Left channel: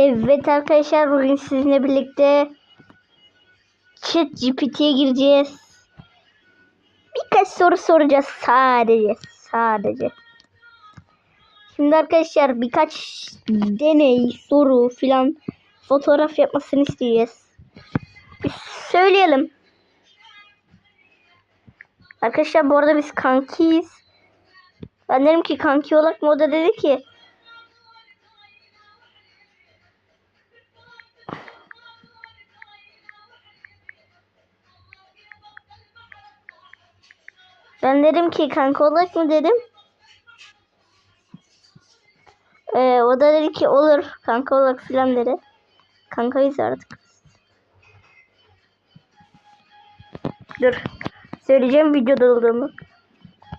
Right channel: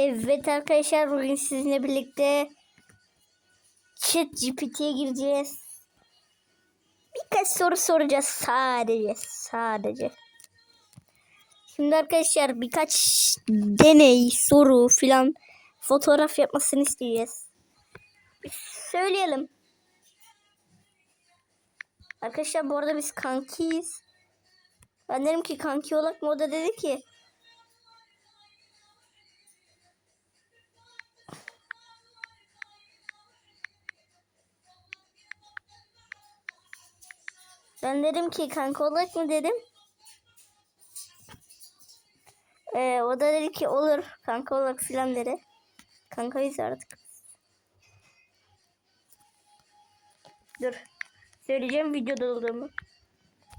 Evet arkadaşlar bugün sizinle birlikte Chat GPT'ye gireceğiz. Birkaç soru soracağız sadece. Sadece. Şimdi arkadaşlar birkaç deney, soru filan fotoğraf yapmasını isteyeceğiz. Bir söyleyelim. Arkadaşlar bu arada biz kankiyiz. Ben dedim ki kanki olarak mı o da dedi ki Ben dedim ki kanka olarak mı dedim. Ee, o da dedi ki olur kanka olarak filan dedi. Kankayız artık. Dur. Söyleyeceğim videoda olduğumu.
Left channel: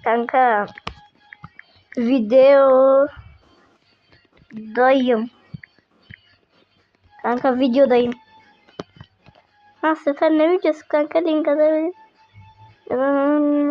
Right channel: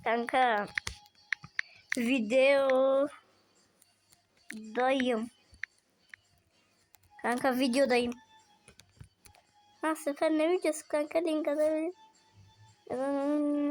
Kanka. Video dayım. Kanka videodayım. Ha süper ne videosu kanka link atabilirim. Ma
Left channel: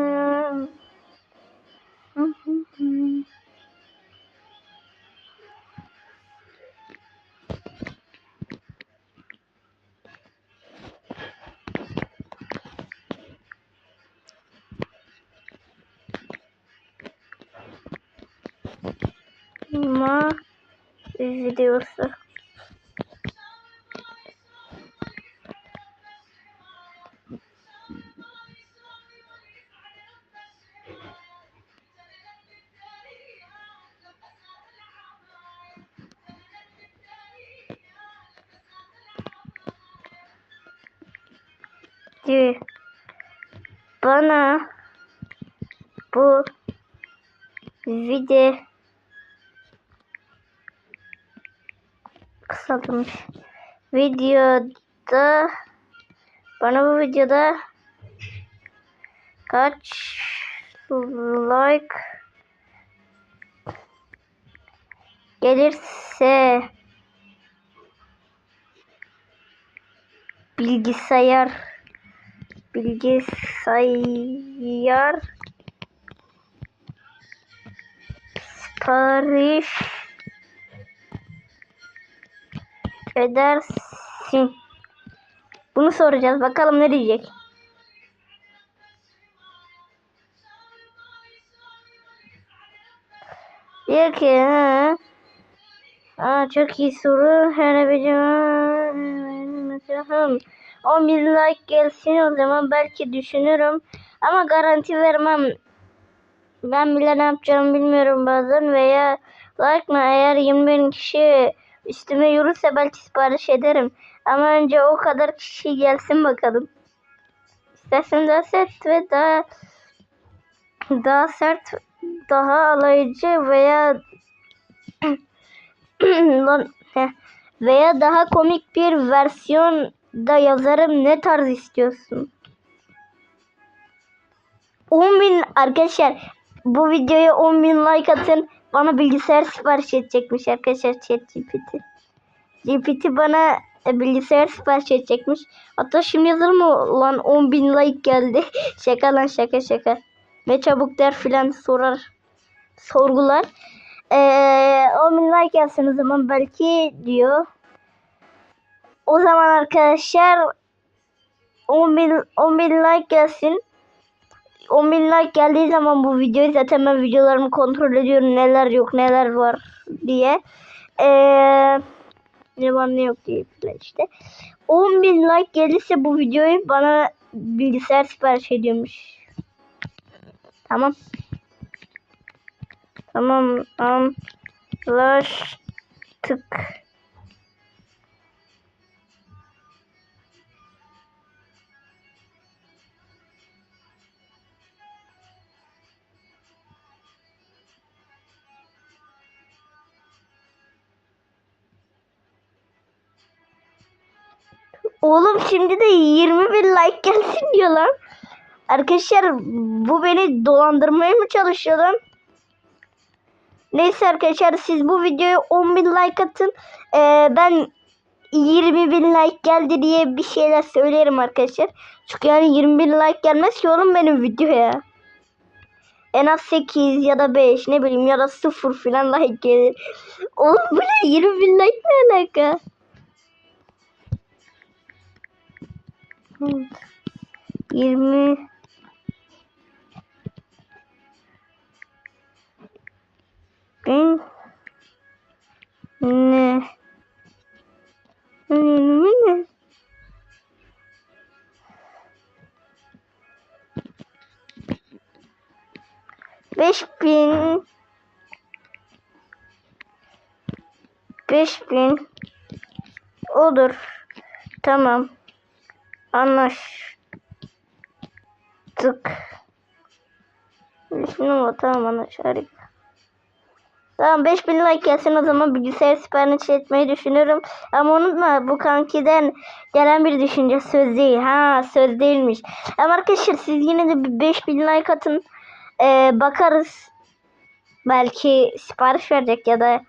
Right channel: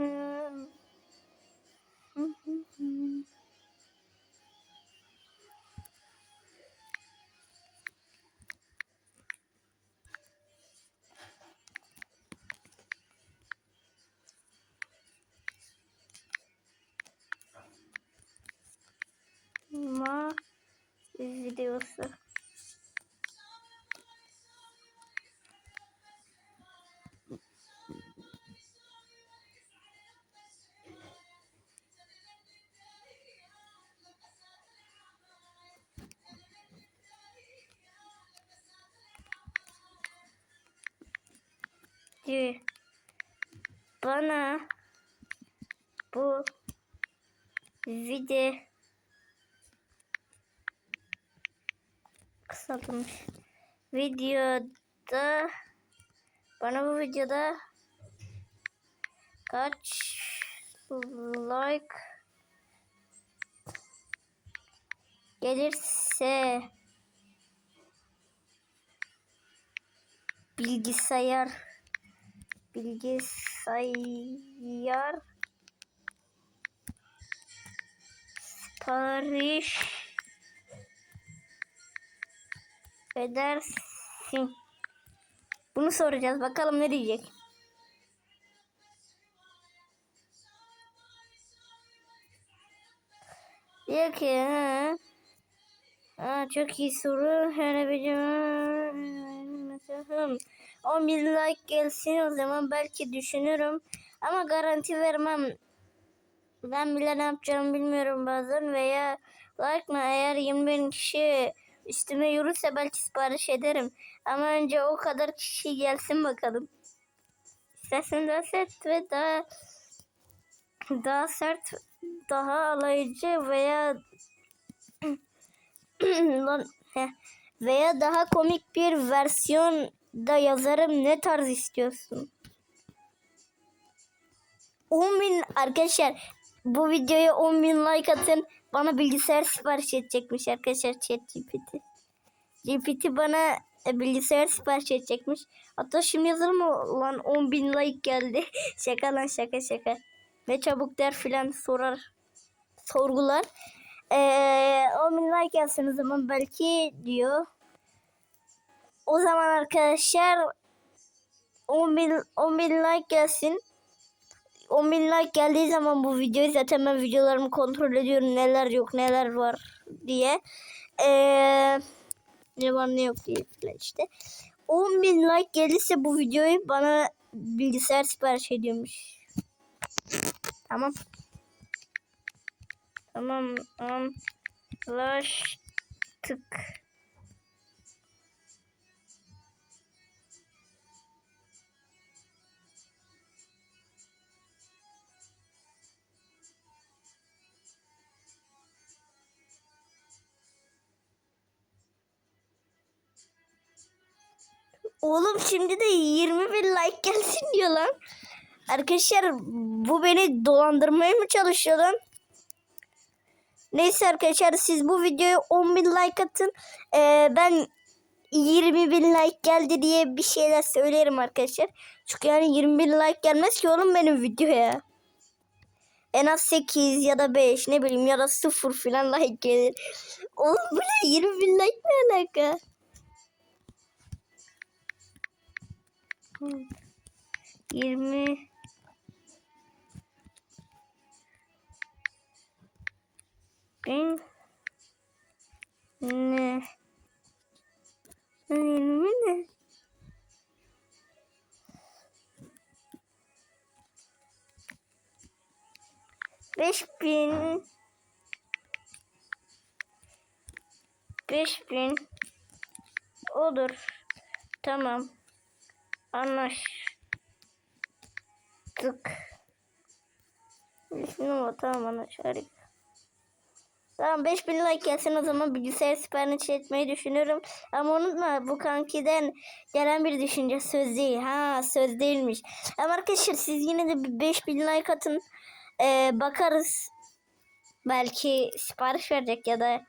videosu. Bana bu video kısaltılmış videoda bana bu videoda kaç like gelirse bilgisayar bilgisayar sipariş edersin. Bunu soracağız. Bakalım ne diyecek. Diyor ki ha. Aa, çok iyi soru. Her bir mesela 10 bin like gelsin o zaman belki düşünürüm. Ama garanti vermem. Ben bile ne yapacağımı bilmiyorum bazen veya like mı eğer 20 bin kişi üstüme yürürse belki sipariş ederim. Ama önce o kadar kişi gelsin bakalım. İstersen daha sert ve daha daha sert, daha alaycı veya veya daha komik bir versiyon da yazarım. Ne tarz istiyorsun? 10 bin arkadaşlar bu videoya 10 bin like atın. Bana bilgisayar sipariş edecekmiş arkadaşlar chat GPT. GPT bana e, bilgisayar sipariş edecekmiş. Hatta şimdi yazılır mı lan 10 bin like geldi. şaka lan şaka şaka. Ne çabuk der filan sorar. Sorgular. Ee, 10 bin like gelsin o zaman belki diyor. O zaman arkadaşlar 10 bin, 10 bin like gelsin. 10 bin like geldiği zaman bu videoyu zaten ben videolarımı kontrol ediyorum neler yok neler var diye. Ee, ne var ne yok diye işte. 10 bin like gelirse bu videoyu bana bilgisayar sipariş ediyormuş. Tamam. Tamam. Anlaştık. Oğlum şimdi de 20 bin like gelsin diyor lan. Arkadaşlar bu beni dolandırmaya mı çalışıyor lan? Neyse arkadaşlar siz bu videoya 10 bin like atın. Ee, ben 20 bin like geldi diye bir şeyler söylerim arkadaşlar. Çünkü yani 20 bin like gelmez ki oğlum benim videoya. en az 8 ya da 5 ne bileyim ya da 0 falan like gelir. Oğlum bu ne 20 bin like ne alaka? 20 bin ne? Yirmi ne? Beş bin Beş bin olur. Tamam. Anlaştık. Bin ama tamam anlaştık. Tamam 5000 like gelsin o zaman bilgisayar sipariş etmeyi düşünüyorum. Ama unutma bu kankiden gelen bir düşünce söz değil. Ha söz değilmiş. Ama arkadaşlar siz yine de bir 5000 like atın. Ee, bakarız. Belki sipariş verecek ya da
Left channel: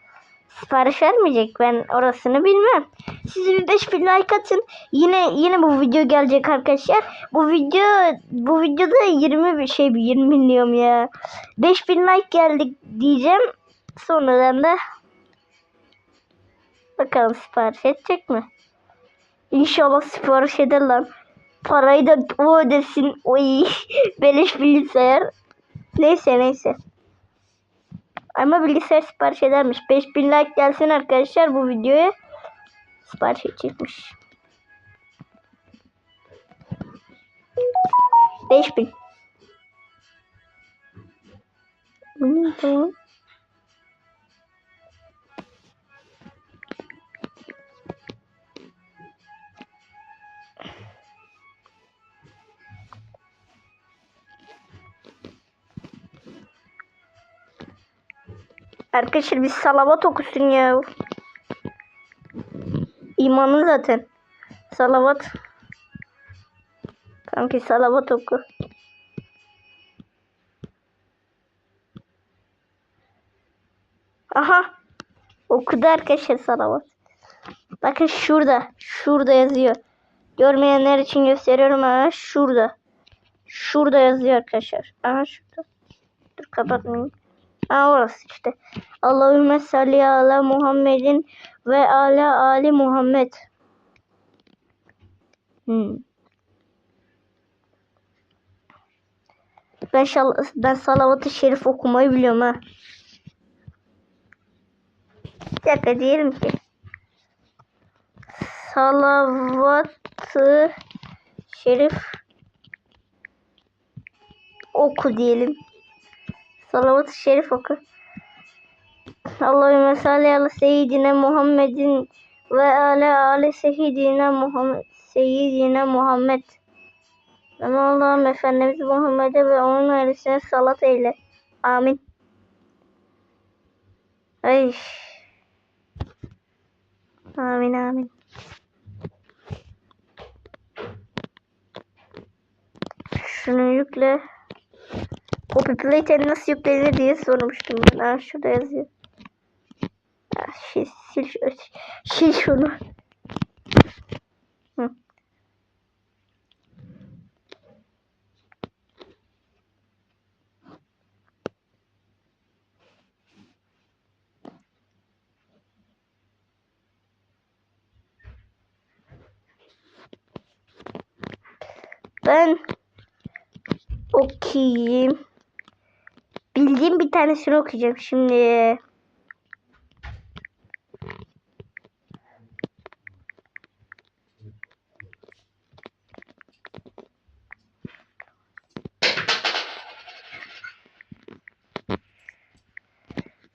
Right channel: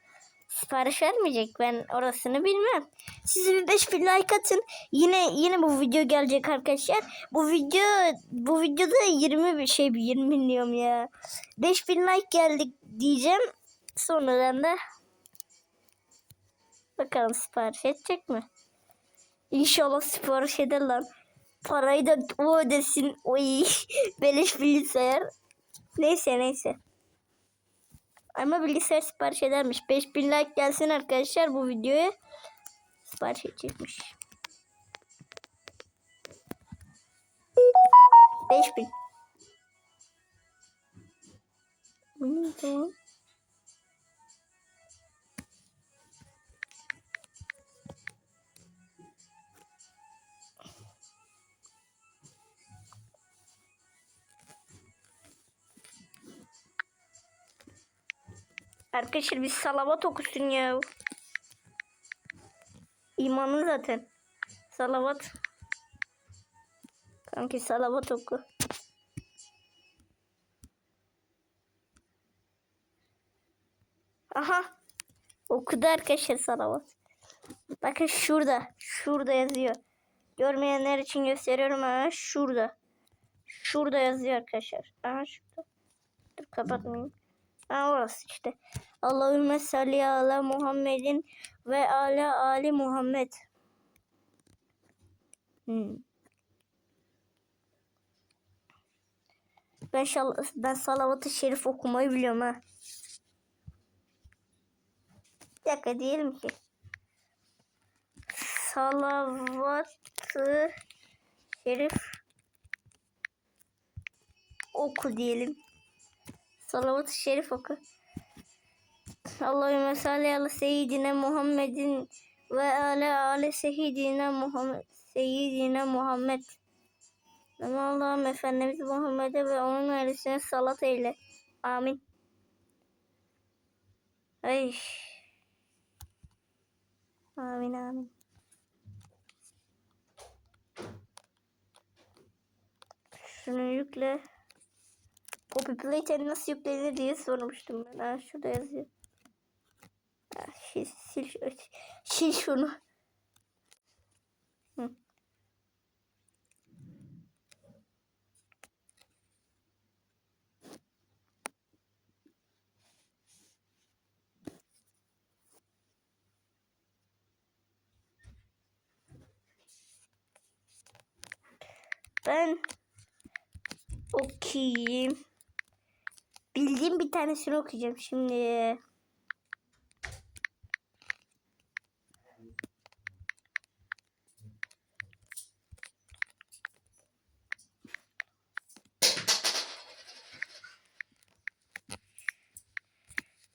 sipariş vermeyecek. Ben orasını bilmem. Siz bir 5000 like atın. Yine yine bu video gelecek arkadaşlar. Bu video bu videoda 20 bir şey 20 diyorum ya. 5000 like geldik diyeceğim. Sonradan da bakalım sipariş edecek mi? İnşallah sipariş eder lan. Parayı da o ödesin. Oy beleş bilgisayar. Neyse neyse. Ama bilgisayar sipariş edermiş. 5000 like gelsin arkadaşlar bu videoya. Sipariş edecekmiş. 5000. Hmm, tamam. Arkadaşlar biz salavat okusun ya. İmanı zaten. Salavat. Kanki salavat oku. Aha. Okudu arkadaşlar salavat. Bakın şurada. Şurada yazıyor. Görmeyenler için gösteriyorum. Aha şurada. Şurada yazıyor arkadaşlar. Aha şurada. Dur kapatmayayım. Aa orası işte. Allahümme salli ala Muhammedin ve ala Ali Muhammed. Hmm. Ben, şal ben salavat-ı şerif okumayı biliyorum ha. Bir dakika diyelim ki. Salavat-ı şerif oku diyelim. Salavat-ı şerif oku. Allahümme salli ala seyyidine Muhammedin ve ala ali seyyidine Muhammed seyyidine Muhammed. Ve Allah'ım Efendimiz Muhammed'e ve onun ailesine salat eyle. Amin. Ay. Amin amin. Şunu yükle. Copy Play'ten nasıl yüklenir diye sormuştum ben. Ha, şurada yazıyor. Ya, şey, sil, sil şunu. Ben okuyayım. Bildiğim bir tanesini okuyacağım şimdi.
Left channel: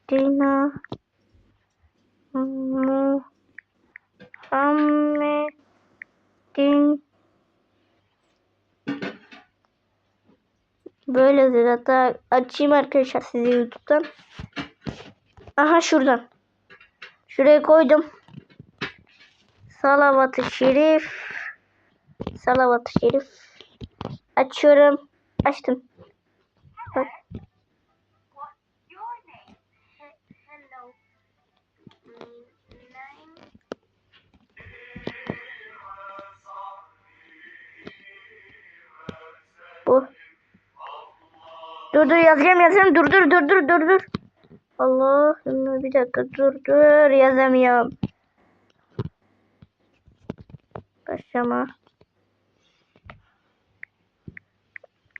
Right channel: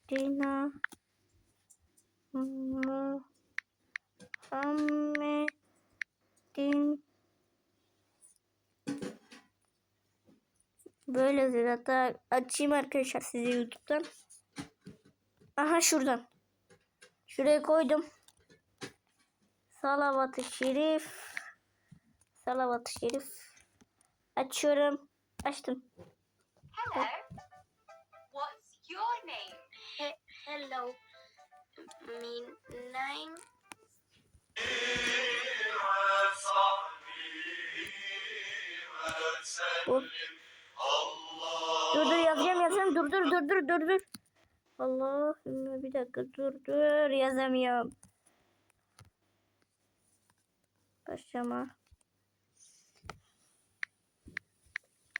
Dina açayım arkadaşlar size YouTube'dan. Aha şuradan. Şuraya koydum. Salavat-ı Şerif. Salavat-ı Şerif. Açıyorum. Açtım. Dur dur yazacağım yazacağım. Dur dur dur dur dur dur. Allah bir dakika dur dur yazamıyorum. Başlama.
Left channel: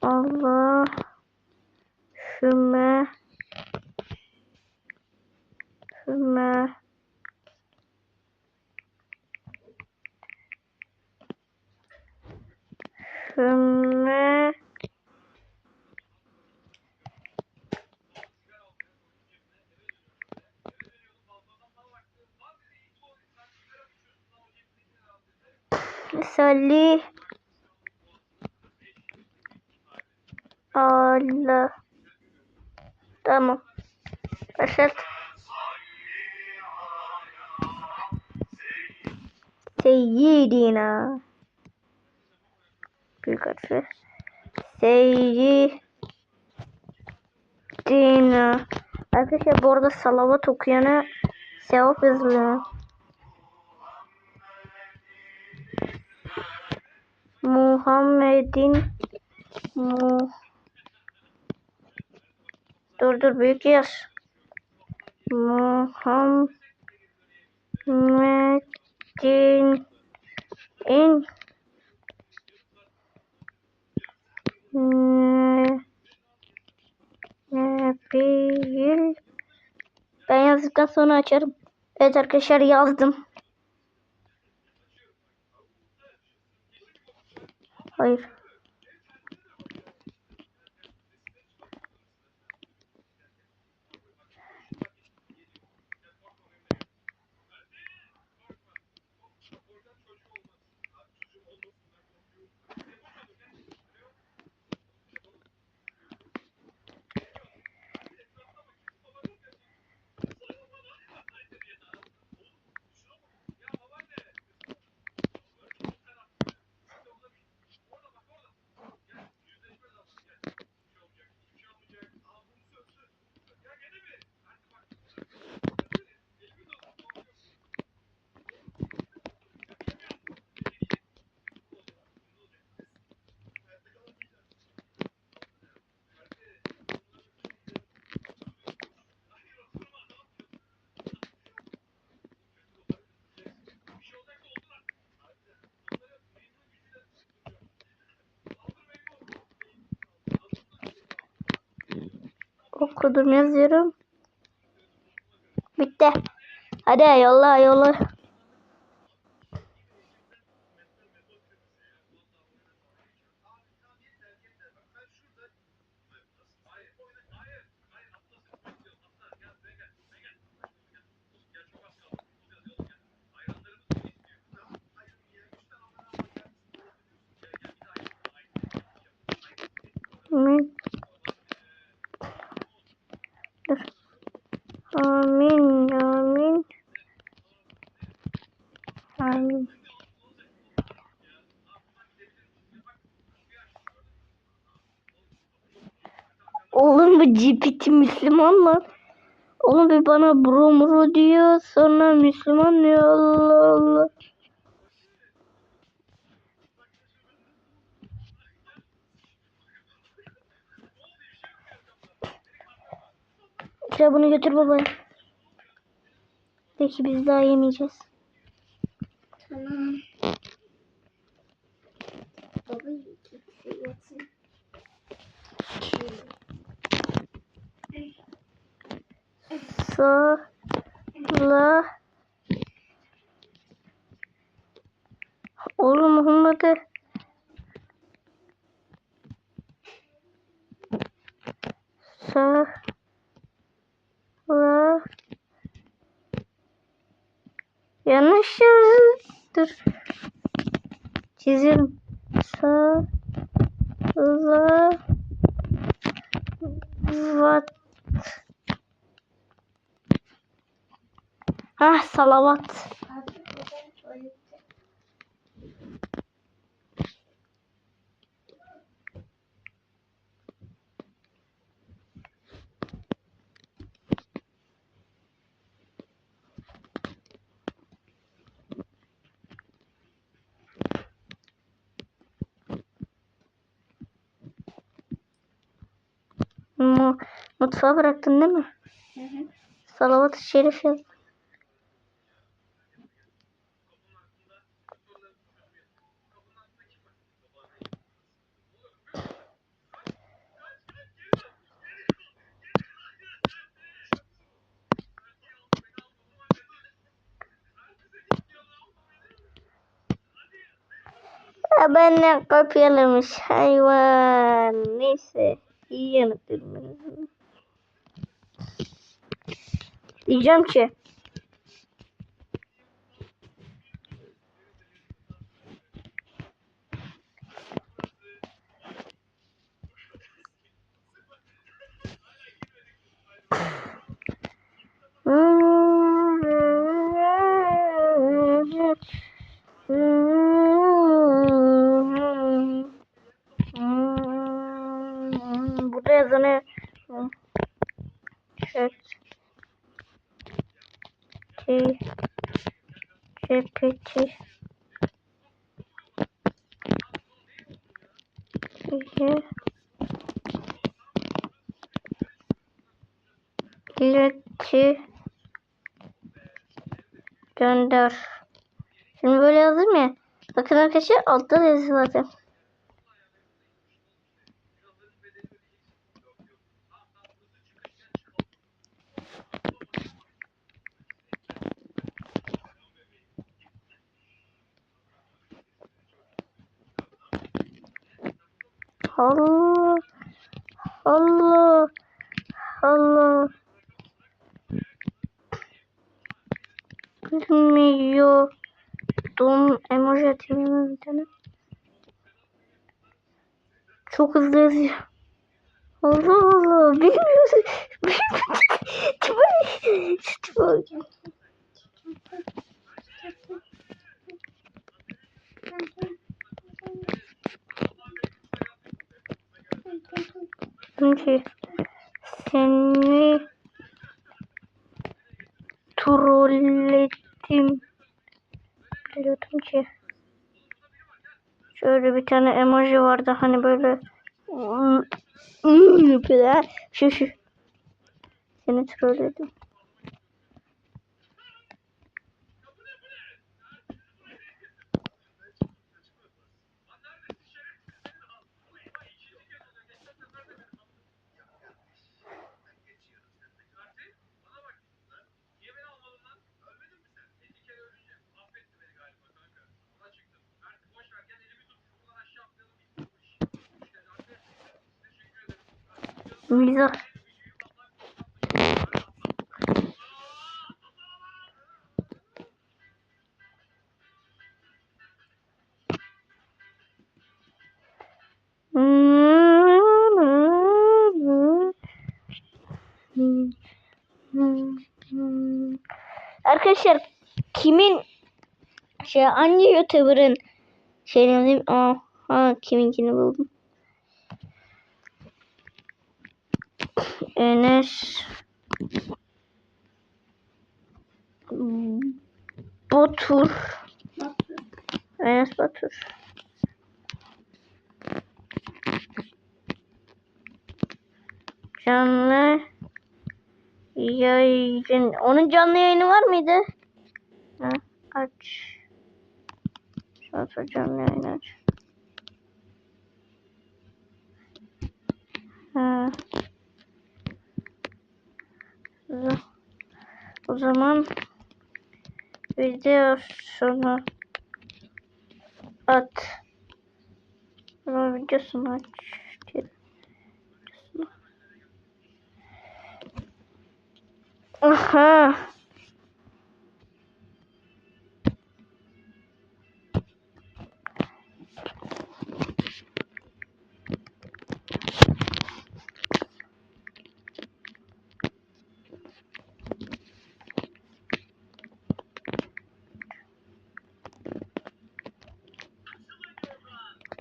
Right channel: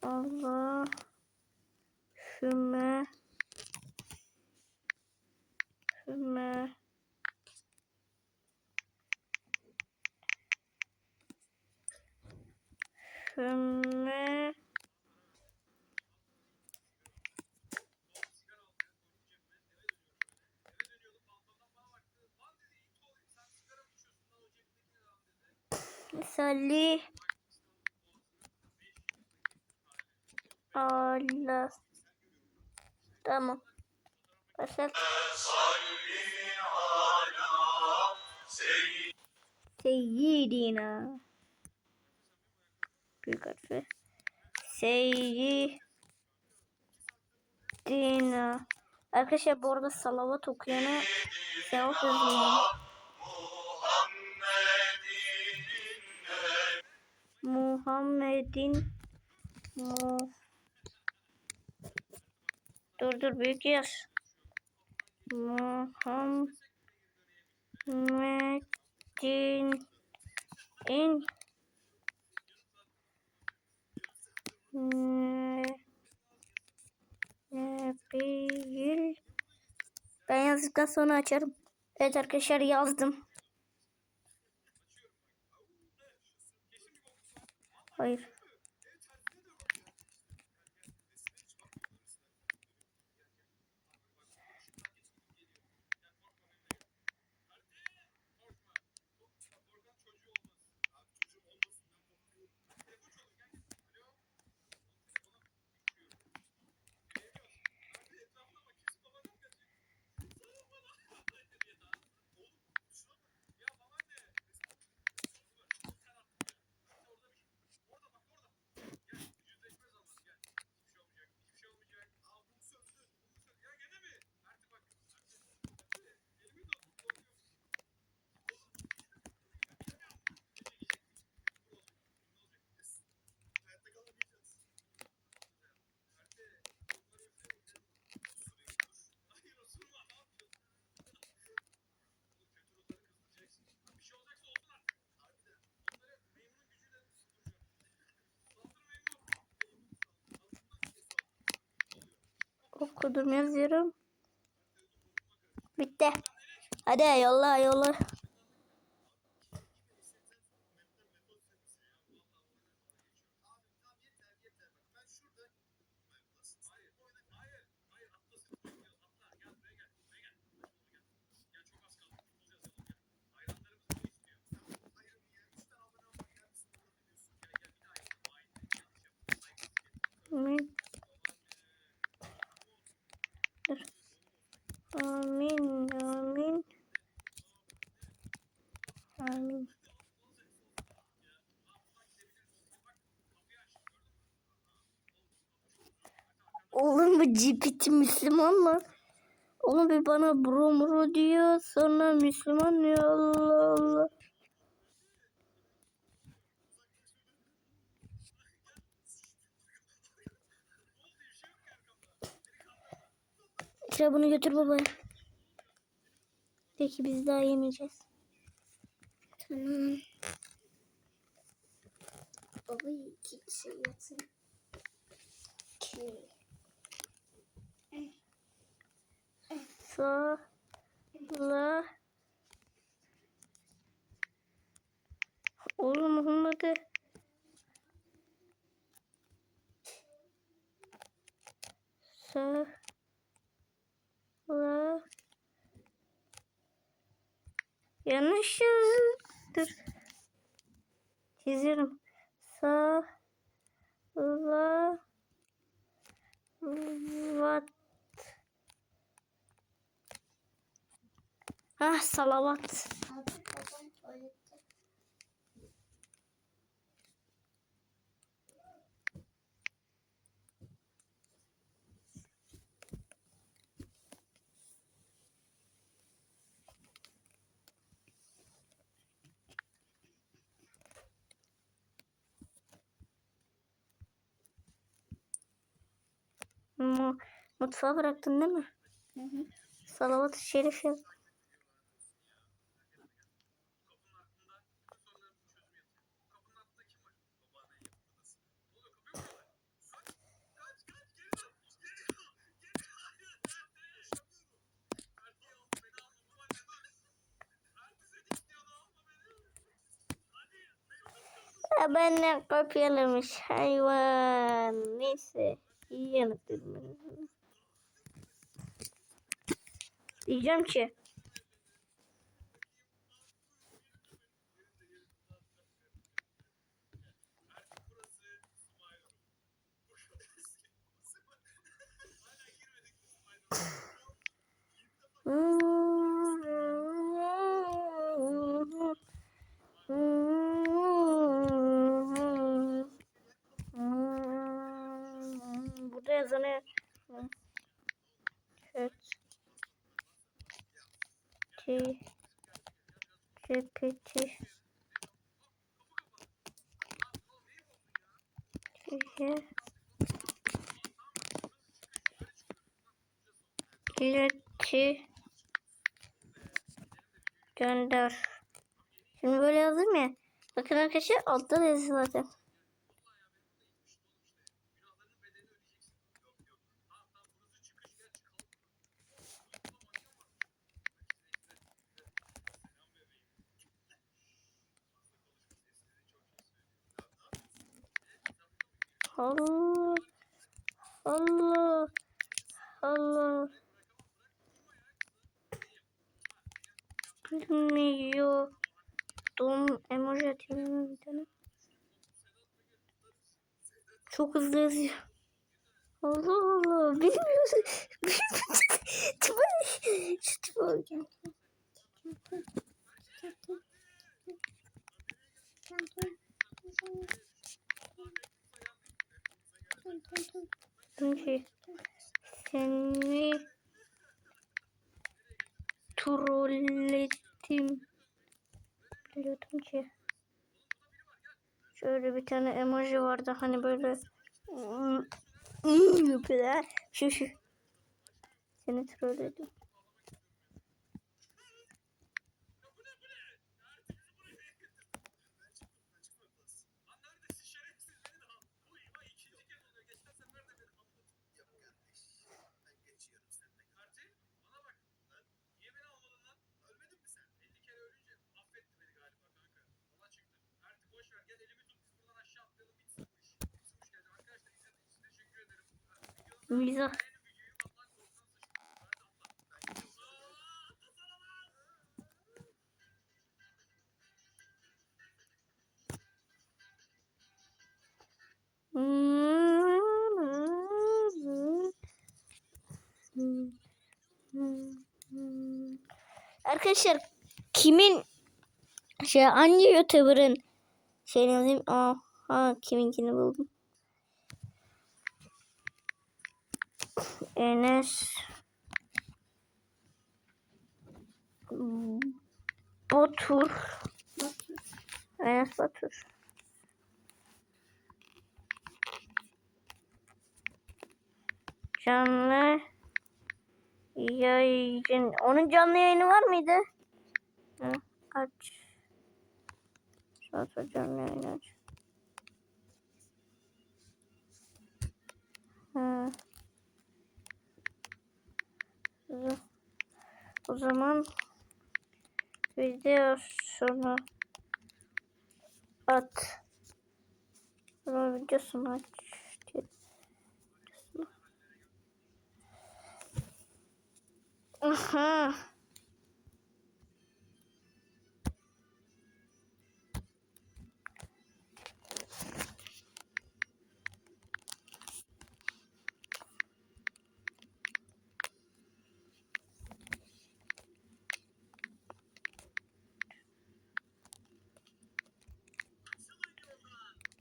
Allah. Füme. Füme. Füme. Salih. Allah. Tamam. Başlat. Seyyidina. Büyük harfi. Seyyidina. Arkadaşlar bu arada salavat okuyana sevap yazılıyor. Muhammed'in mu Dur dur büyük yaz. Muhammed'in in ne- Nebil Ben yazdıktan sonra açarım. Evet arkadaşlar yazdım. Okudum yazıyorum. Bitti. Hadi yolla yolla. Amin. Dur. Amin, amin. Amin. Oğlum bu GPT Müslüman lan. Oğlum bir bana bro muro diyor sonra Müslüman diyor Allah Allah. Sıra bunu götür babaya. Peki biz daha yemeyeceğiz. Tamam. Baba kimse yesin. Sağla. Oğlum Muhammed'e. Sağla. Yanlış yazdım. Çiziyorum. Sağla. Vat. Ah salavat. مطفاه بركه النمر صلوات الشريف. أبنى قبيلة مش حيوان نسي هي نتمنى Diyeceğim ki. Burada yazanı chat T GPT Şeye ileti gönder. Şimdi böyle yazdım ya. Bakın arkadaşlar altta da yazı zaten. Allah. Allah. Allah. Bilmiyordum. Emoji atayım bir tane. Çok hızlı yazıyor. Allah Allah. Bilmiyorsun. Tipe şu tipe Çünkü seni trolledim. Biliyordum ki. Şöyle bir tane emoji vardı hani böyle yapıyor ha. Şu şu. Seni trolledim. Mizah. Arkadaşlar kimin şey hangi youtuber'ın şey yazayım aa ha kiminkini buldum. Enes. Batur. Enes Batur. Canlı yayın. Onun canlı yayını var mıydı? Ha, aç. Sonra canlı yayını aç Ha. Zaman video sonu at. Ama videosunu aç. Aha.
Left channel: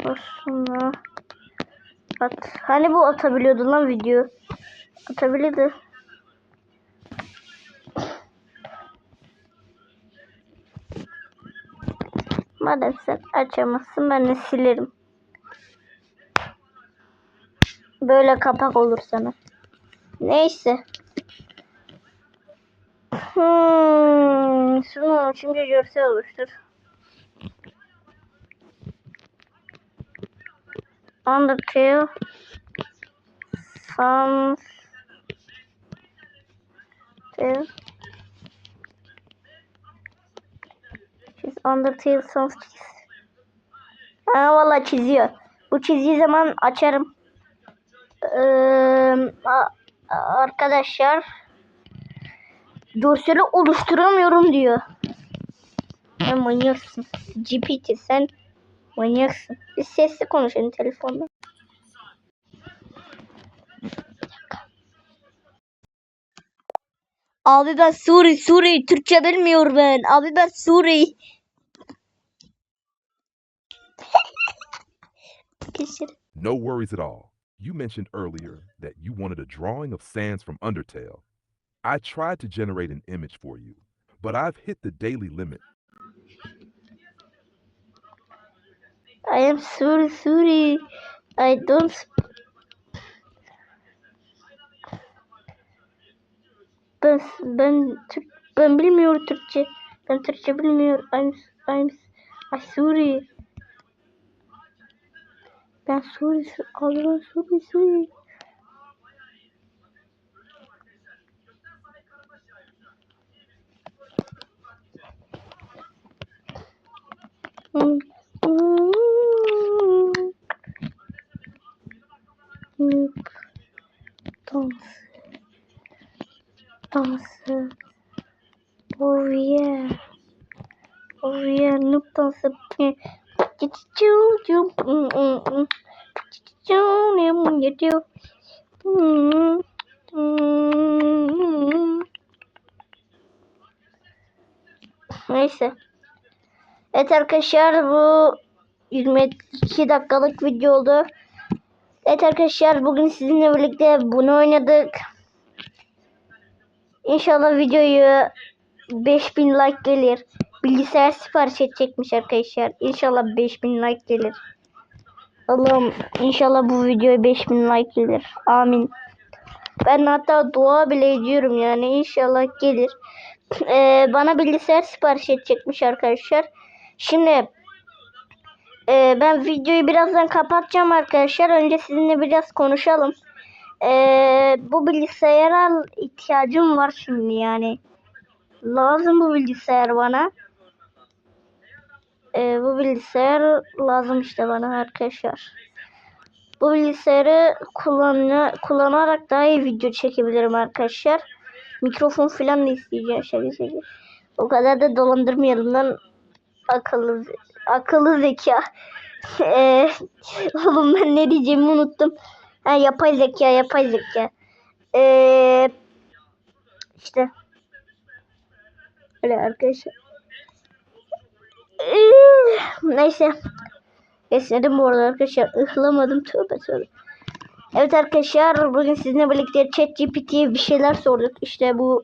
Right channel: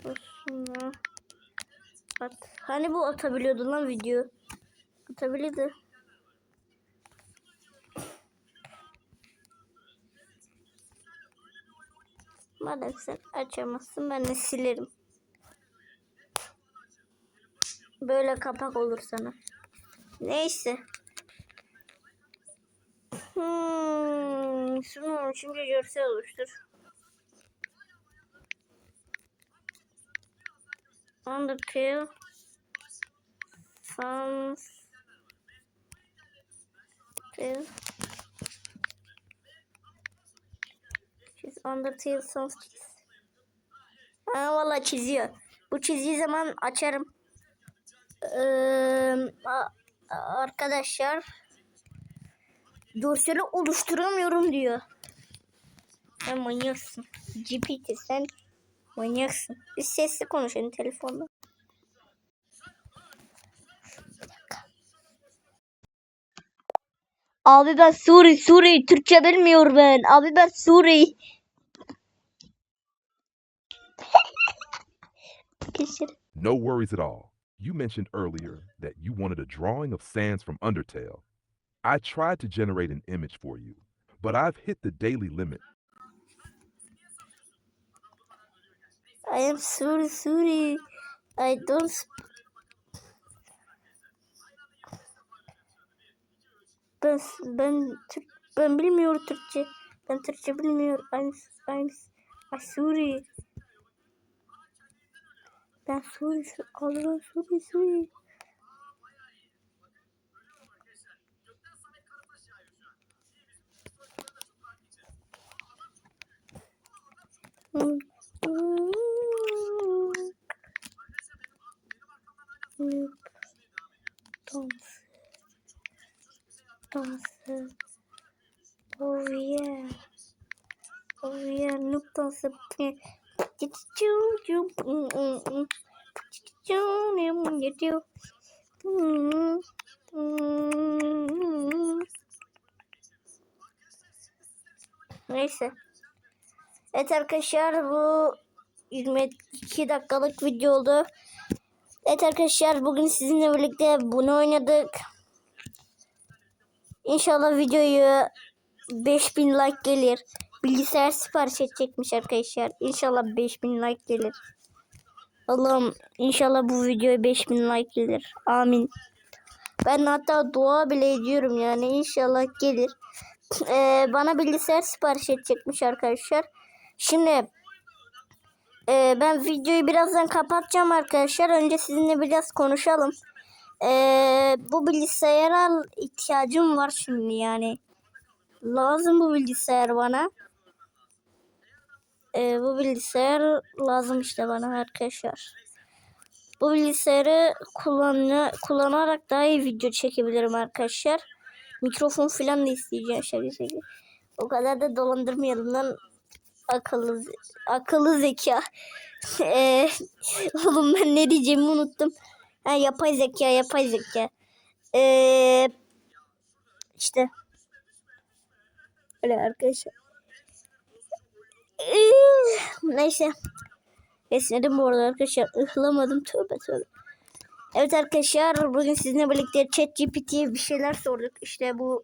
Aslında at. Hani bu atabiliyordu lan video. Atabiliyordu. Madem sen açamazsın ben de silerim. Böyle kapak olur sana. Neyse. Hmm, şunu üçüncü görsel oluştur. Undertale. Sans. Tale. Çiz Undertale Sans çiz. Ha valla çiziyor. Bu çizdiği zaman açarım. Ee, arkadaşlar görseli oluşturamıyorum diyor. Sen manyaksın. GPT sen manyaksın. Biz sesli konuşalım telefonda. Abi ben Suri Suri Türkçe bilmiyor ben. Abi ben Suri. No worries at all. You mentioned earlier that you wanted a drawing of Sans from Undertale. I tried to generate an image for you, but I've hit the daily limit. I am sorry, sorry. I don't. Ben ben Türk ben bilmiyorum Türkçe. Ben Türkçe bilmiyorum. I'm I'm I'm sorry. Ben sorry. Allah sorry sorry. Hmm. Hmm. Dans. Dansı. Oh yeah. Oh yeah. Noob dansı. Neyse. Evet arkadaşlar bu 22 dakikalık video oldu. Evet arkadaşlar bugün sizinle birlikte bunu oynadık. İnşallah videoyu 5000 like gelir. Bilgisayar sipariş edecekmiş arkadaşlar. İnşallah 5000 like gelir. Allah'ım inşallah bu videoya 5000 like gelir. Amin. Ben hatta dua bile ediyorum yani inşallah gelir. Ee, bana bilgisayar sipariş edecekmiş arkadaşlar. Şimdi e, ben videoyu birazdan kapatacağım arkadaşlar. Önce sizinle biraz konuşalım. Ee, bu bilgisayara ihtiyacım var şimdi yani. Lazım bu bilgisayar bana. Ee, bu bilgisayar lazım işte bana arkadaşlar. Bu bilgisayarı kullanarak daha iyi video çekebilirim arkadaşlar. Mikrofon falan da isteyeceğim şöyle. O kadar da dolandırmayalım lan akıllı akıllı zeka. Ee, oğlum ben ne diyeceğimi unuttum. Ha, yapay zeka, yapay zeka. Ee, işte. Öyle arkadaşlar. Ee, neyse. Esnedim bu arada arkadaşlar. Ihlamadım. Tövbe tövbe. Evet arkadaşlar bugün sizinle birlikte ChatGPT'ye bir şeyler sorduk. İşte bu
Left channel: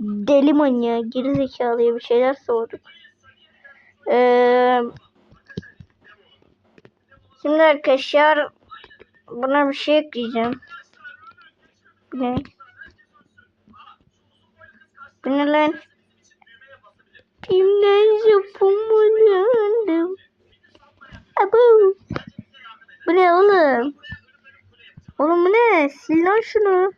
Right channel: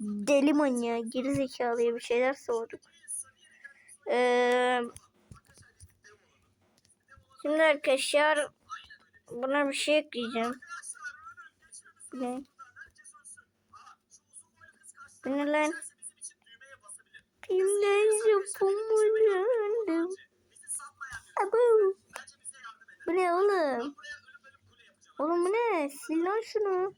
deli manyağı, geri zekalıya bir şeyler sorduk. Ee, şimdi arkadaşlar buna bir şey ekleyeceğim. Ne? Bu ne lan? Kimden yapamadım? Abu. Bu ne oğlum? Oğlum bu ne? Sil lan şunu.